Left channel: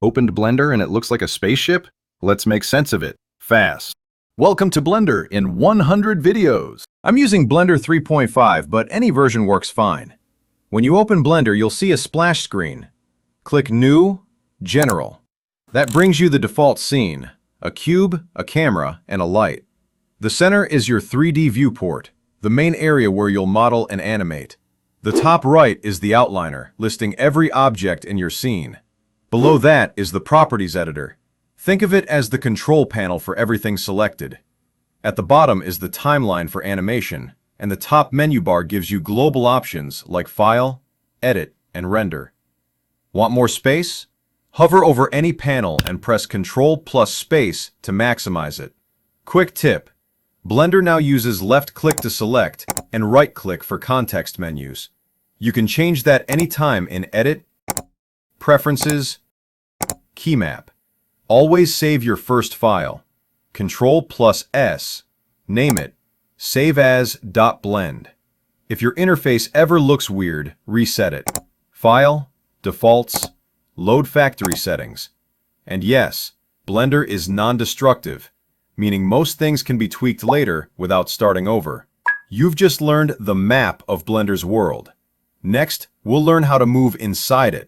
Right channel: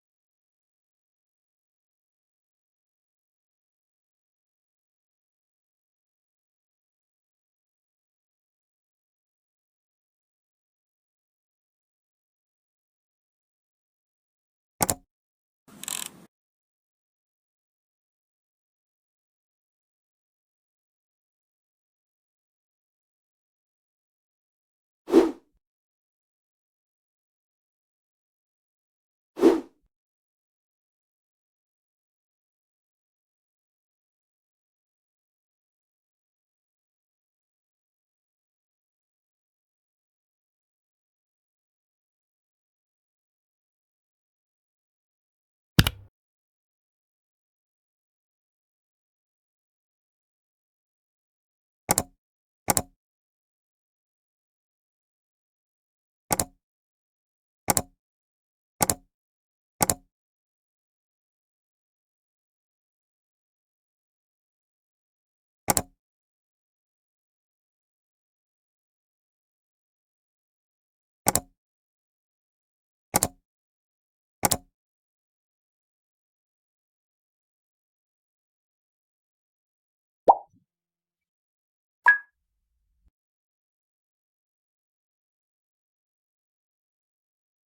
Opened Blender and it looks like a spaceship? Let's make sense of it, fast. Welcome to Blender in 100 videos. I'm using Blender 3.5, but any version works fine. When you open Blender, you'll see a splash screen. Click New, General. That brings you the default scene, a cube, a camera, and a light. The center is your 3D viewport, the main area where you'll model and animate. The top right is the outliner, listing every object in your scene. Below that is the Properties Editor. Think of it as the control panel for everything selected. At the bottom is the timeline for animation, and the top menu bar gives you global options like File, Edit, and Render. Want more space? Hover over any panel and press Ctrl plus Space to maximize it. Quick tip: Blender now uses left-click to select and right-click for context menus. You can change that anytime in Edit, Preferences, Key Map. Always save your first file. Ctrl plus S. Name it. Save as .blend. If your interface ever looks weird, reset it. File, Defaults, Load Factory Settings. And yes, Blender is non-destructive, meaning most things can be tweaked later without starting over. You've just learned the map of Blender's world. Next, we'll learn how to move inside it.